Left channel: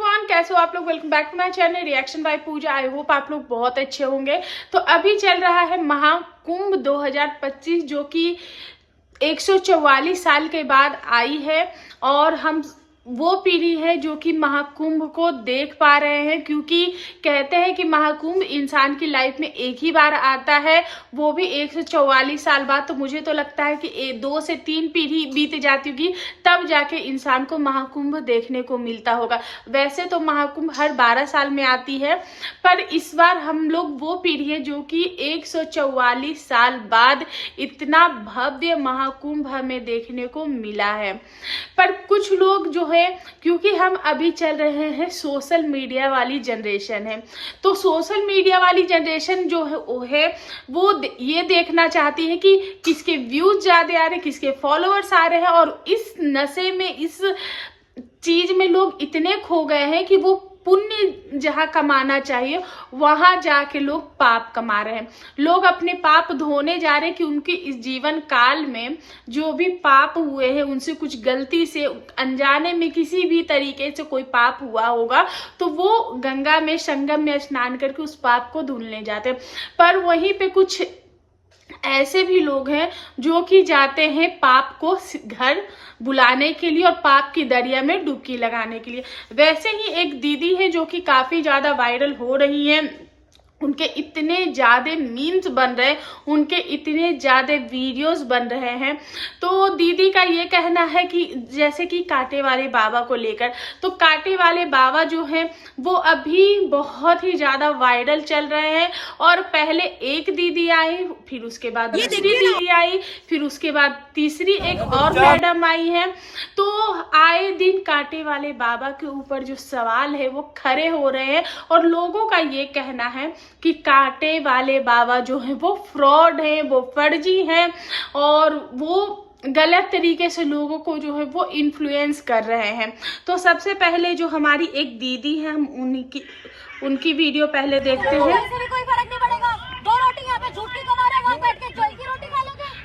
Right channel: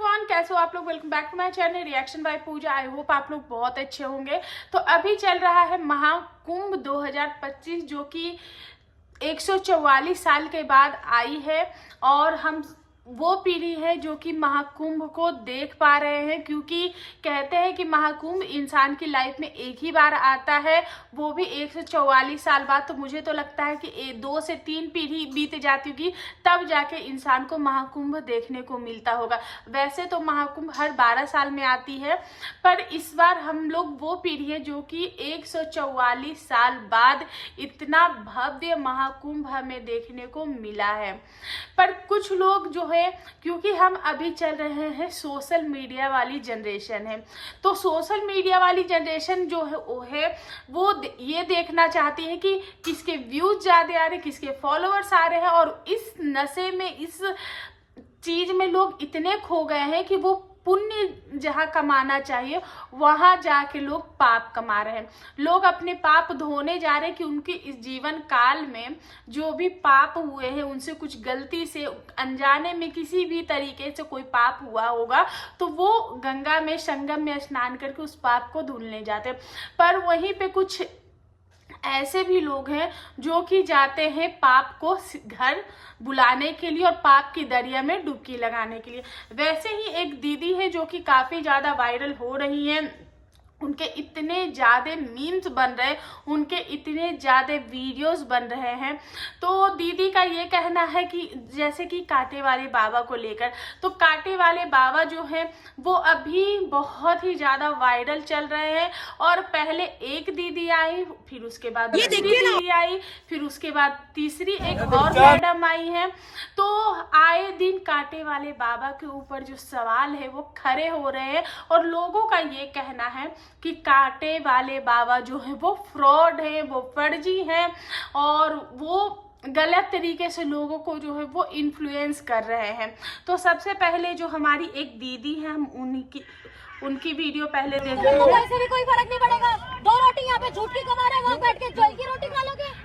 Everyone, कैसे हो आप लोग। Welcome back to my channel reaction by Puja. I hope आप लोग बहुत अच्छे होंगे। तो अभी चल रहा है महाकुंभ 2025 जो कि 144 साल के बाद आई है और हम वो पीढ़ी है जो कि महाकुंभ को देख पा रहे हैं, क्योंकि कहते हैं कि महाकुंभ इंसान की लाइफ में एक ही बार आता है, वो भी 144 साल बाद। तो मुझे तो लगता है कि 2 से 3 पीढ़ी बीत जाती होगी तब जाके इंसान को महाकुंभ देखने को मिलता होगा। वैसे तो महाकुंभ हर 12 साल में आती है, पर इस बार हम लोग वो पीढ़ी है जो कि 144 साल बाद इतना भव्य महाकुंभ हमें देखने को मिला है। पर कुछ लोग जो है, क्योंकि हम अभी चल रहे हैं सोशल मीडिया वाली जनरेशन है, तो सोशल मीडिया वाली जनरेशन जो है वो ये देखना चाहती है कि किसके व्यूज ज्यादा आ रहे हैं, किसके फॉलोअर्स आ रहे हैं। और इस नशे में, इस चीज में लोग इतने खो गए हैं कि वो पुण्य जहाँ कमाना चाहिए वहां जाके लोग पाप कमा रहे हैं। लोग अपने पाप धोने जा रहे हैं कि उनके इस जीवन काल में जो भी पाप हुए हैं, उनसे कुछ गलती से अनजाने में किसी भी तरीके से कोई पाप हुआ होगा तो वो गंगा में, संगम में स्नान करके उस पाप को धुलने जाते हैं। पर वहीं पे कुछ ऐसे भी लोग हैं जो कि जाते हैं पाप को घर बुलाने के लिए और पाप की दरिया में डुबकी लगाने के लिए। वैसे ही एक दीदी है जो कि काफी ज्यादा वायरल हो रही है, उनके इतने ज्यादा मीम्स बन रहे हैं, उनके इतने ज्यादा वीडियोस बन रहे हैं। तो दीदी का ये कहना है कि जैसे कि कांटे वाले बाबा को लेकर, तो कांटे वाले बाबा जो हैं वो अभी बहुत ही ज्यादा वायरल चल रहे हैं। और पहले एक दीदी आई, फिर उसके बाद दूसरी दीदी आई, फिर उसके बाद तीसरी एक और मैडम आई है। तो आए दिन कांटे वाले बाबा के ऊपर जो सवाल है वो खड़े हो रहे हैं और लोगों का ये कहना है कि कांटे वाले बाबा जो है वो फ्रॉड है, वो फर्जी हैं और वो गलत तरीके से लोगों को जो है वो इन्फ्लुएंस कर रहे हैं। तो सबसे पहले जो हमारी एक दीदी है, हम उनकी वीडियो पहले देखते हैं।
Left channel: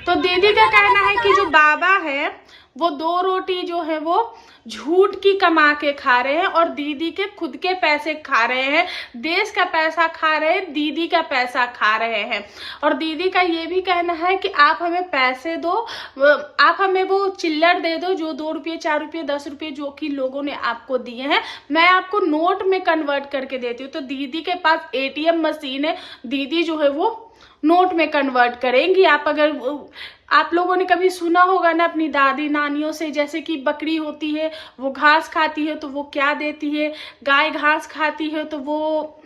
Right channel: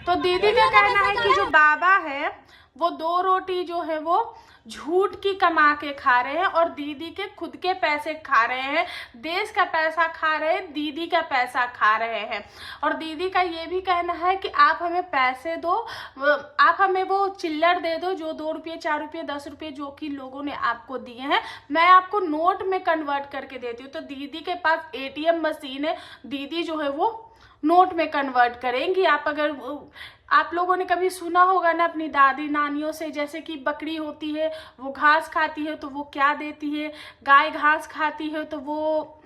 तो दीदी का कहना है कि जो बाबा है वो 2 रोटी जो है वो झूठ की कमा के खा रहे हैं और दीदी के खुद के पैसे खा रहे हैं, देश का पैसा खा रहे हैं, दीदी का पैसा खा रहे हैं। और दीदी का ये भी कहना है कि आप हमें पैसे दो, आप हमें वो चिल्लर दे दो जो 2 रुपये, 4 रुपये, 10 रुपये जो कि लोगों ने आपको दिए हैं, मैं आपको नोट में कन्वर्ट करके देती हूँ। तो दीदी के पास ATM मशीन है, दीदी जो है वो नोट में कन्वर्ट करेंगी। आप लोगों ने कभी सुना होगा ना अपनी दादी नानियों से, जैसे कि बकरी होती है वो घास खाती है तो वो क्या देती है, गाय घास खाती है तो वो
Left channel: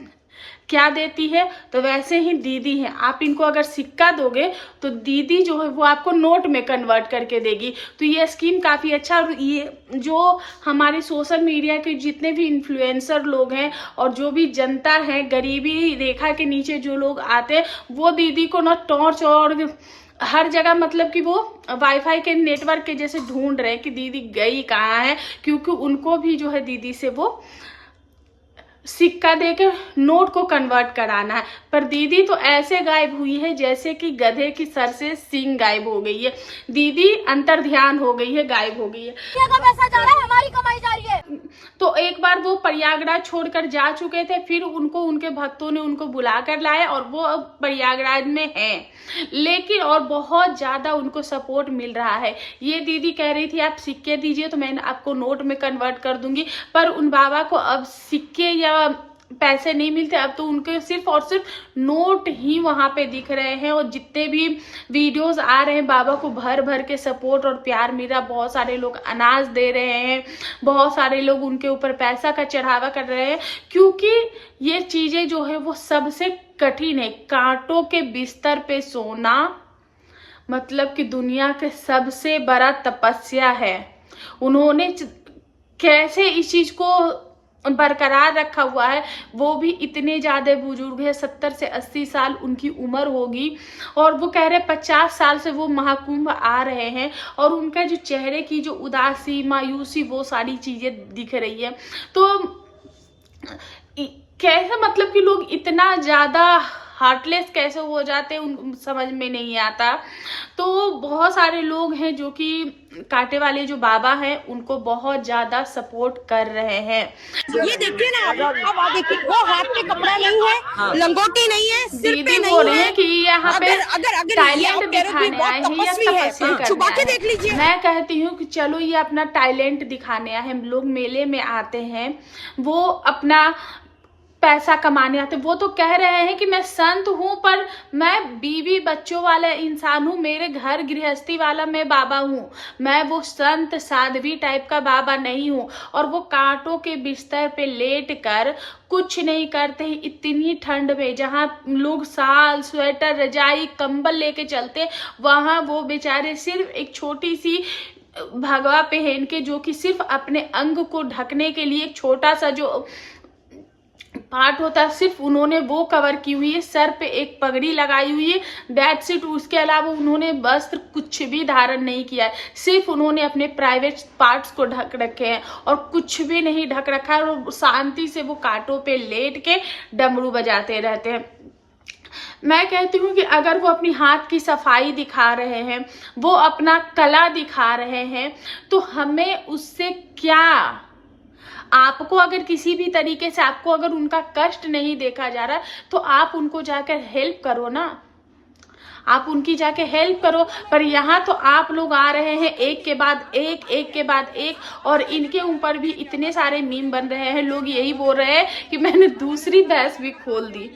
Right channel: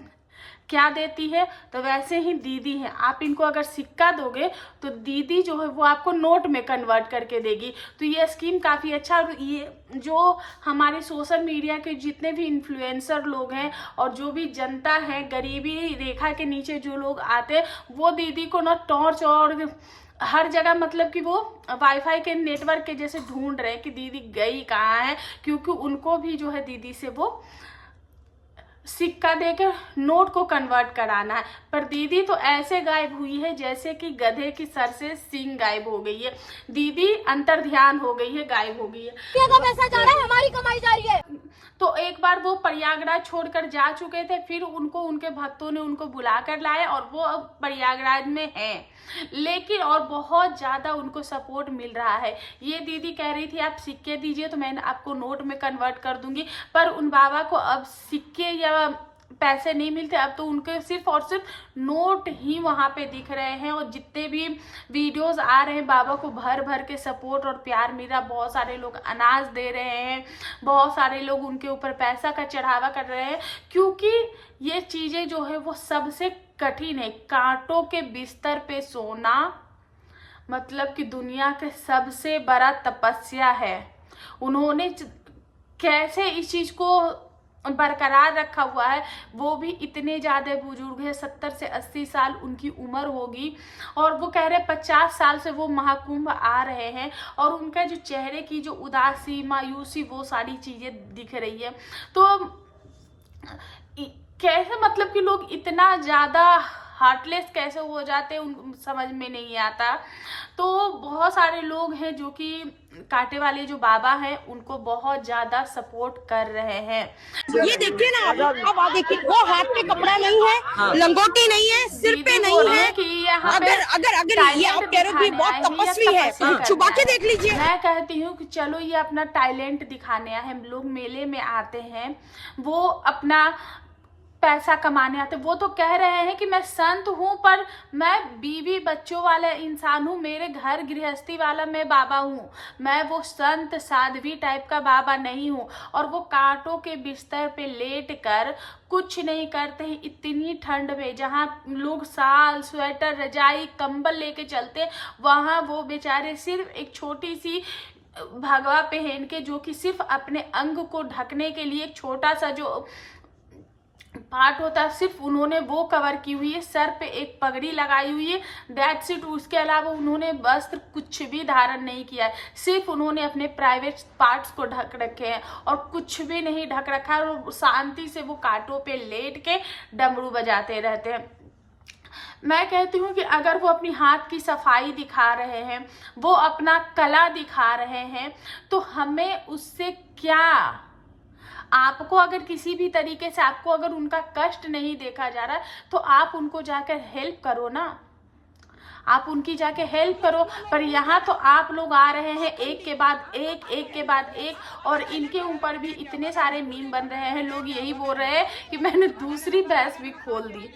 क्या देती है। तो वैसे ही दीदी है, आप इनको अगर सिक्का दोगे तो दीदी जो है वो आपको नोट में कन्वर्ट करके देगी। तो ये स्कीम काफ़ी अच्छा। और ये जो हमारे सोशल मीडिया के जितने भी इन्फ्लुएंसर लोग हैं और जो भी जनता है, गरीबी रेखा के नीचे जो लोग आते हैं, वो दीदी को ना टॉर्च और हर जगह, मतलब कि वो वाईफाई के नेटवर्क के जैसे ढूंढ रहे हैं कि दीदी गई कहाँ है, क्योंकि उनको भी जो है दीदी से वो सिक्का देके नोट को कन्वर्ट कराना है। पर दीदी तो ऐसे गायब हुई है जैसे कि गधे की सर से सींग गायब हो गई है। दीदी अंतर ध्यान हो गई है, गायब हो गई है। पैसा जा रहा है, हमारी कमाई जा रही है। तो एक बार वो प्रयागराज छोड़कर जा चुके थे, फिर उनको उनके भक्तों ने उनको बुला कर लाए और वो अब प्रयागराज में हैं, लेकिन और बहुत ज्यादा उनको सपोर्ट मिल रहा है। ये दीदी कह रही थी आप सिक्के दीजिए तो मैं आपको नोट में कन्वर्ट कर दूंगी, पर उन बाबा को अब सिक्के या पैसे नहीं मिलते, अब तो उनके सिर्फ और सिर्फ नोट ही वहां पे दिख रहे हैं। और जितने भी वीडियोस आ रहे हैं बाबा को भर भर के सपोर्ट और प्यार मिल रहा। बहुत सारे लोग अनाज दे रहे हैं, बहुत सारे लोग उनके ऊपर पैसा का चढ़ावा कर रहे हैं, क्योंकि ये चीजें जो है वो सबसे कठिन है। कांटों के बिस्तर पे सोना मतलब कि दुनिया के सबसे बड़ा तपस्या है। उन्होंने कैसे इस चीज को बरकरार रखा हुआ है, वो भी इतने ज्यादा बुजुर्ग है, 70 से 80 साल उनकी उम्र होगी और वो कह रहे 50 साल से वो महाकुंभ आ रहे हैं और उनका जो चेहरे की जो उदासी, मायूसी, वो सारी चीजें दिख रही है। तो कैसे, मतलब कि लोग इतना ज्यादा हार्टलेस कैसे हो जाते हैं उन समझ में नहीं आता। तो बहुत सारे लोग हैं जो कि कांटे वाले जो बाबा हैं उनको बहुत ज्यादा सपोर्ट कर रहे हैं। ये देखिए ना, अब आप देखिए, वो हाथ पे कपड़ा नहीं है, हाँ। लंगोटी नहीं है, सिर पे नहीं है कि यहाँ पे अगर ये आप कह रहे हो कि बहुत तपस्वी है, छुपा के देख लीजिए। मैं कहती हूँ कि चलो ये अपना टैलेंट दिखाने आए हैं, लोग मेले में आते हैं, वो अपना पैसा कमाने आते। वो तो कह रहे हैं कि मैं संत हूँ पर मैं बीवी बच्चों वाला इंसान हूँ, मेरे घर गृहस्थी वाला मैं बाबा हूँ, मैं वो संत साध्वी टाइप का बाबा नहीं हूँ। और वो कांटों के बिस्तर पे लेट कर कुछ नहीं करते हैं इतनी ठंड में, जहाँ लोग साल स्वेटर रजाई कंबल लेके चलते, वहाँ वो बेचारे सिर्फ एक छोटी सी भगवा पहन के, जो कि सिर्फ अपने अंग को ढकने के लिए एक छोटा सा जो पार्ट होता है सिर्फ उन्होंने वो कवर की हुई है, सर पे एक पगड़ी लगाई हुई है, दैट्स इट। उसके अलावा उन्होंने वस्त्र कुछ भी धारण नहीं किया है, सिर्फ उन्होंने अपने प्राइवेट पार्ट्स को ढक रखे हैं और कुछ भी नहीं ढक रखा है, और शांति से वो कांटों पे लेट के डमरू बजाते रहते हैं। मैं कहती हूँ कि अगर वो अपनी हाथ की सफाई दिखा रहे हैं, वो अपना कला दिखा रहे हैं, तो हमें उससे क्या, आपको अगर किसी भी तरीके से आपको अगर उनका कष्ट नहीं देखा जा रहा तो आप उनको जाकर हेल्प करो ना, आप उनकी जाके हेल्प करो। पर यहाँ तो आप लोग आ रहे हैं एक के बाद एक, और इनके ऊपर भी इतने सारे मीम बन रहे हैं। लोग यही बोल रहे हैं कि मैंने दूसरी भैंस भी खोल दी।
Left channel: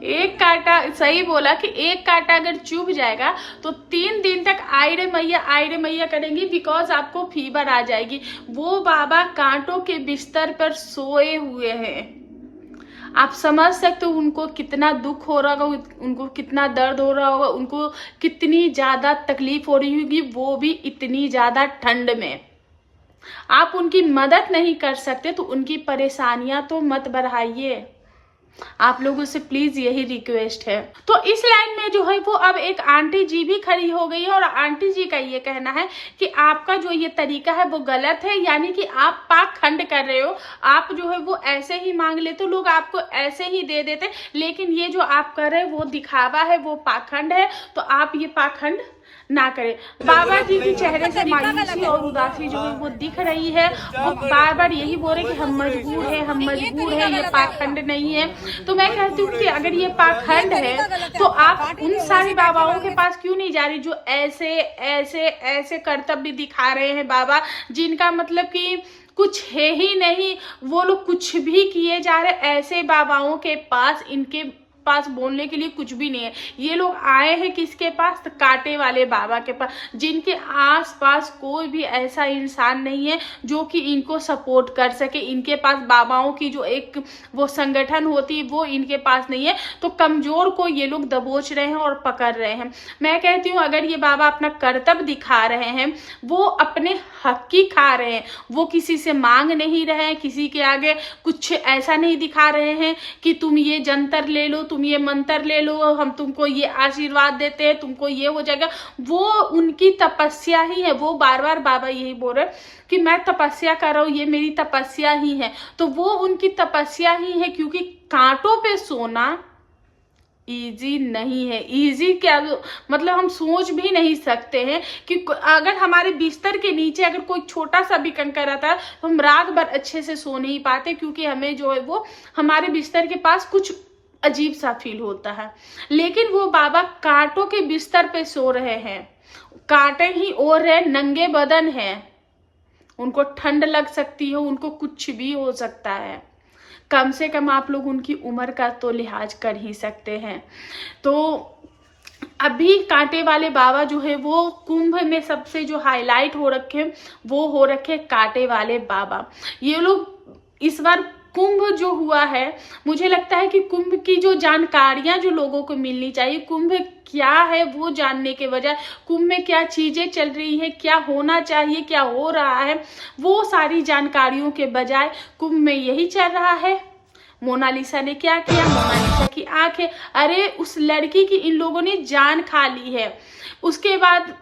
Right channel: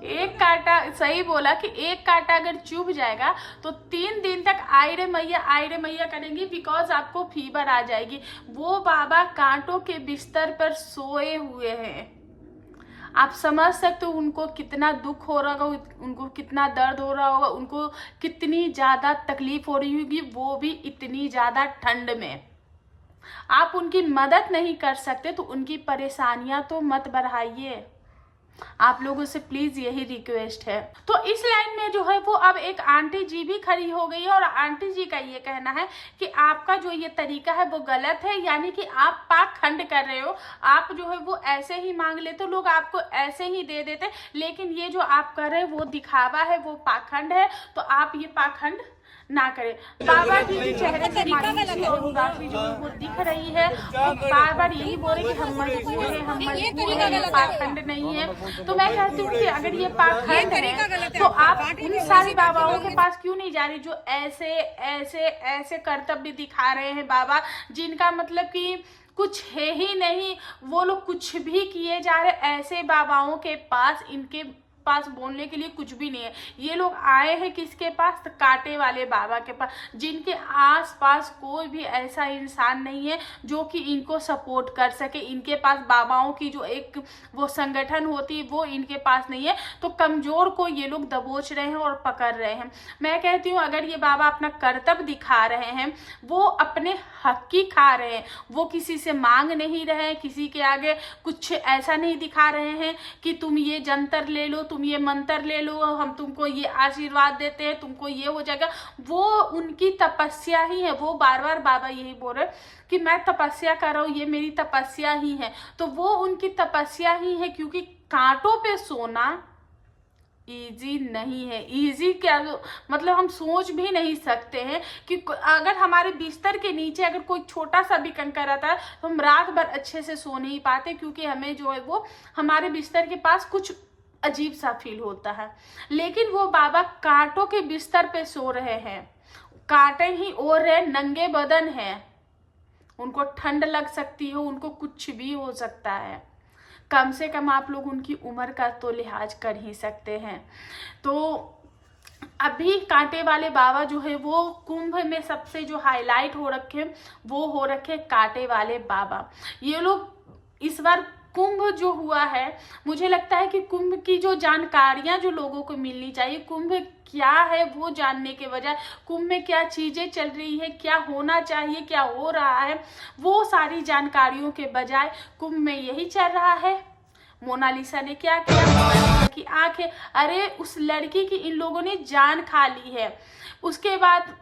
एक कांटा, सही बोला कि एक कांटा अगर चुभ जाएगा तो 3 दिन तक आई रे मैया करेंगी, बिकॉज आपको फीवर आ जाएगी। वो बाबा कांटों के बिस्तर पर सोए हुए हैं, आप समझ सकते हो उनको कितना दुख हो रहा होगा, उनको कितना दर्द हो रहा होगा, उनको कितनी ज्यादा तकलीफ हो रही होगी, वो भी इतनी ज्यादा ठंड में। आप उनकी मदद नहीं कर सकते तो उनकी परेशानियां तो मत बढ़ाइए, आप लोगों से प्लीज यही रिक्वेस्ट है। तो इस लाइन में जो है वो अब एक आंटी जी भी खड़ी हो गई है, और आंटी जी का ये कहना है कि आपका जो ये तरीका है वो गलत है, यानी कि आप पाखंड कर रहे हो। आप जो है वो ऐसे ही मांग लेते, लोग आपको ऐसे ही दे देते, लेकिन ये जो आप कर रहे हो वो दिखावा है, वो पाखंड है, तो आप ये पाखंड ना करें। बाबा जी के चेहरे से मायूसी और उदासी जो है वो दिख रही है, वो बार बार यही बोल रहे कि हम मजबूर है, ये पाखंड नहीं है। तो मैं कहती हूँ कि अगर ये पाखंड है तो आप उन सारे बाबाओं के पास क्यों नहीं जा रही जो ऐसे ऐसे ऐसे कर्तव्य दिखा रहे हैं, बाबा जिनका मतलब कि कुछ है ही नहीं, वो लोग कुछ भी किए जा रहे। ऐसे बाबाओं के पास, इनके पास बोलने के लिए कुछ भी नहीं है। ये लोग आए हैं किसके पास? तो कांटे वाले बाबा के पास, जिनके आसपास कोई भी ऐसा इंसान नहीं है जो कि इनको सपोर्ट कर सके। इनके पास बाबाओं की जो एक वो संगठन होती है वो इनके पास नहीं है, तो कमजोर को ये लोग दबोच रहे हैं और पकड़ रहे हैं। मैं कहती हूँ अगर ये बाबा अपना कर्तव्य दिखा रहे हैं, वो अपने हक की खा रहे हैं, वो किसी से मांग नहीं रहे हैं, किसी के आगे कुछ ऐसा नहीं दिखा रहे हैं कि तुम ये जंतर ले लो, तुम ये मंत्र ले लो, हम तुमको ये आशीर्वाद देते हैं, तुमको ये हो जाएगा। वो उनकी तपस्या ही है। वो बार बार बाबा यही बोल रहे कि मैं तपस्या कर रहा हूँ, ये मेरी तपस्या ही है। तो वो उनकी तपस्या ही है, क्योंकि कांटों पे सोना इजी नहीं है। इजी क्या मतलब हम सोच भी नहीं सकते हैं कि अगर हमारे बिस्तर के नीचे अगर कोई छोटा सा भी कंकर रहता है तो हम रात भर अच्छे से सो नहीं पाते, क्योंकि हमें जो है वो हमारे बिस्तर के पास कुछ अजीब सा फील होता है। लेकिन वो बाबा कांटों के बिस्तर पे सो रहे हैं, कांटे ही ओढ़ रहे, नंगे बदन है, उनको ठंड लग सकती है, उनको कुछ भी हो सकता है। कम से कम आप लोग उनकी उम्र का तो लिहाज कर ही सकते हैं। तो अभी कांटे वाले बाबा जो है वो कुंभ में सबसे जो हाईलाइट हो रखे वो हो रखे कांटे वाले बाबा। ये लोग इस बार कुंभ जो हुआ है, मुझे लगता है कि कुंभ की जो जानकारियां जो लोगों को मिलनी चाहिए, कुंभ क्या है वो जानने के बजाय, कुंभ में क्या चीजें चल रही है, क्या होना चाहिए, क्या हो रहा है, वो सारी जानकारियों के बजाय कुंभ में यही चल रहा है, मोनालिसा ने क्या किया, मोनालिसा की आंखें, अरे उस लड़की की इन लोगों ने जान खा ली है। उसके बाद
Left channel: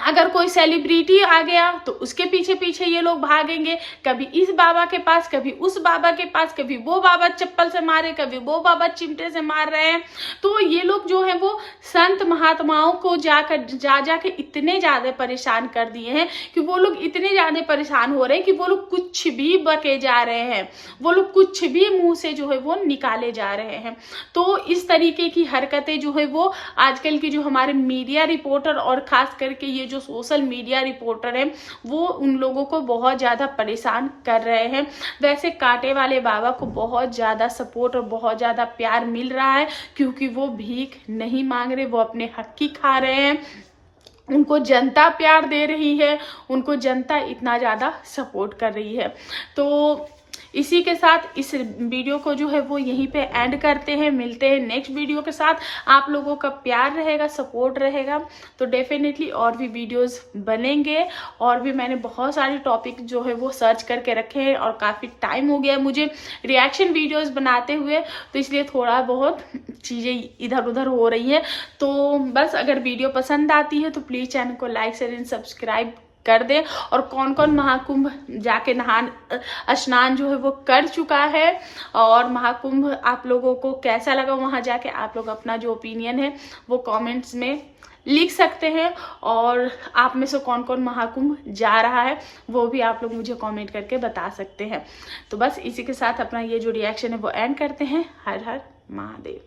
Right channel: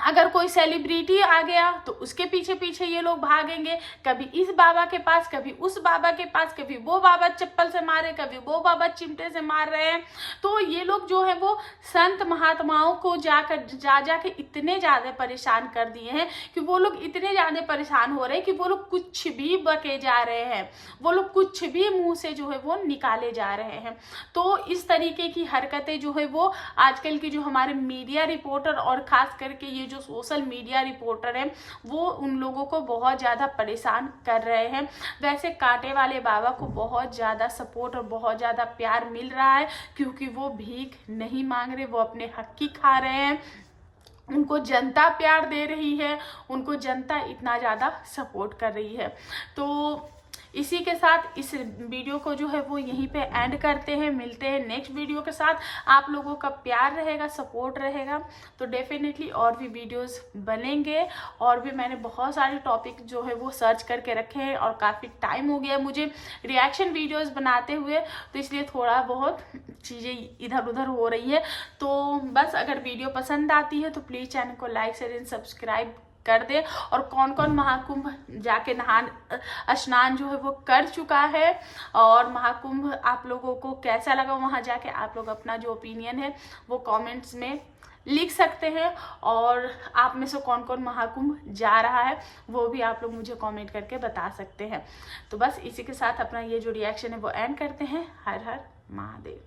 अगर कोई सेलिब्रिटी आ गया तो उसके पीछे पीछे ये लोग भागेंगे, कभी इस बाबा के पास, कभी उस बाबा के पास, कभी वो बाबा चप्पल से मारे, कभी वो बाबा चिमटे से मार रहे हैं। तो ये लोग जो है वो संत महात्माओं को जा के इतने ज़्यादा परेशान कर दिए हैं कि वो लोग इतने ज़्यादा परेशान हो रहे हैं कि वो लोग कुछ भी बके जा रहे हैं, वो लोग कुछ भी मुंह से जो है वो निकाले जा रहे हैं। तो इस तरीके की हरकतें जो है वो आजकल की जो हमारे मीडिया रिपोर्टर और ख़ास करके ये जो सोशल मीडिया रिपोर्टर हैं वो उन लोगों को बहुत ज़्यादा परेशान कर रहे हैं। वैसे कांटे वाले बाबा को बहुत ज़्यादा सपोर्ट और बहुत ज़्यादा प्यार मिल रहा है क्योंकि वो भीख नहीं मांग रहे, वो अपने हक की खा रहे हैं, उनको जनता प्यार दे रही है, उनको जनता इतना ज़्यादा सपोर्ट कर रही है। तो इसी के साथ इस वीडियो को जो है वो यहीं पे एंड करते हैं। मिलते हैं नेक्स्ट वीडियो के साथ। आप लोगों का प्यार रहेगा, सपोर्ट रहेगा तो डेफिनेटली और भी वीडियोस बनेंगे। और भी मैंने बहुत सारे टॉपिक जो है वो सर्च करके रखे हैं और काफ़ी टाइम हो गया है मुझे रिएक्शन वीडियोस बनाते हुए, तो इसलिए थोड़ा बहुत चीज़ें इधर उधर हो रही है। तो बस अगर वीडियो पसंद आती है तो प्लीज़ चैनल को लाइक शेयर एंड सब्सक्राइब कर दे। और कौन कौन महाकुंभ जाके स्नान जो है वो कर चुका है और महाकुंभ आप लोगों को कैसा लगा वहाँ जाके, आप लोग अपना जो ओपिनियन है वो कमेंट्स में लिख सकते हैं। और आप में से कौन कौन महाकुंभ जा रहा है वो भी आप लोग मुझे कमेंट करके बता सकते हैं। तो बस इसी के साथ अपना ये जो रिएक्शन है वो एंड करते हैं। हर हर महादेव।